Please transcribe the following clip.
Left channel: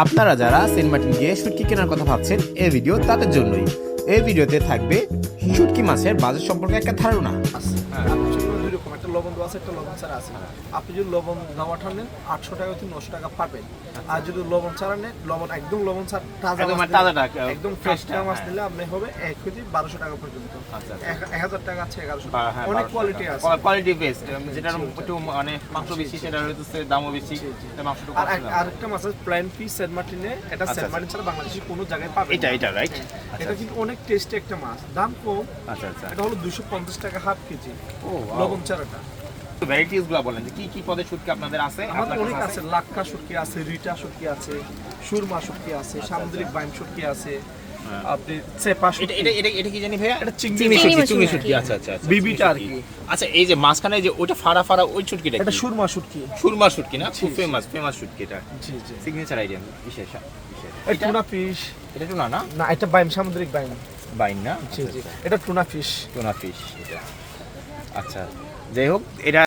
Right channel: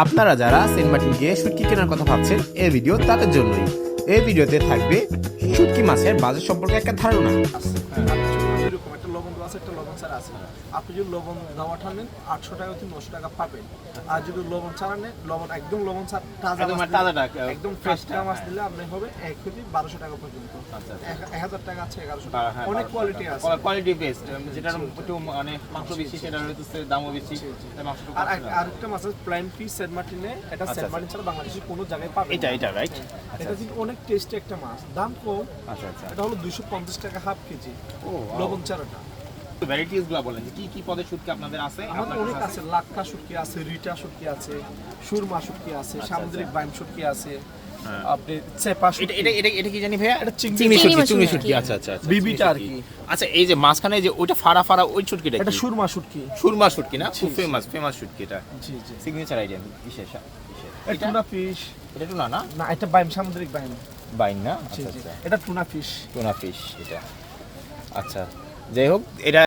আপনারা যারা Saint Martin গিয়ে শুটকি কেনার কথা ভাবছেন এই ভিডিও তাদের জন্যই। এই ভিডিওতে থাকবে শুটকি মাছের বাজার সম্পর্কে একটা ধারণা। একটা লবণ দেওয়া আছে, একটা লবণ ছাড়া আছে। আপনি যদি লবণ দেওয়াটা নেন 800 টাকা থেকে 900 টাকা পাবেন। আর যদি লবণ ছাড়া নেন, একদম লবণ ছাড়া একদম ফ্রেশ মাছ নিলে আপনি হবে 1 কেজি 1200 টাকা পর্যন্ত। 1000 টাকা আছে, 1100 টাকা, অনেক কোয়ালিটি আছে, কোয়ালিটি বেস্ট। যেটার একটু মানে মাংস বেশি, সেটা হচ্ছে দামও বেশি, মাংসটা কম। আর আরেকটা মাছ আছে প্ল্যান ফিশ সেন্ট মার্টিনে, এটা সেন্ট মার্টিন ছাড়া বাংলাদেশে কোনো জায়গায় পাবেন না। এটা রাইট। এটা কিন্তু অনেক টেস্টি একটা মাছ, দাম কম। আচ্ছা আচ্ছা, এটা হলো 250 টাকা হাফ কেজি। ও লবণ ছাড়াটা। ভ্যারাইটিস গুলো বলেন যে কি কি পদের শুটকি আপনাদের আছে? আমাদের অনেক আছে, লাক্কা শুটকি আছে, রিটা শুটকি আছে, সুরমা শুটকি আছে, সামুদ্রিক বাইম শুটকি আছে, আপনি চেপা শুটকি। এটা কি জানি ভাইয়া? এটা চিংড়ি শুটকি। আচ্ছা আচ্ছা, বিবিটা আর কি। আচ্ছা, এই যে মাঝখানে যে ওটা ফাড়া ফাড়া ওই শুটকিটা এটা কি? সুরমা শুটকি। সুরমা শুটকি না? খুব ফেমাস শুটকি এটা। জি জি। সিগনেচার আইটেম বিশেষ। এটা টুনা ফিশ। এটা টুনা না? না, এটা বাইম, সামুদ্রিক বাইম। বাইন না? জি জি। এটা টুনা ফিশ। টুনা ফিশ এটা। আচ্ছা, যাই হোক, এটা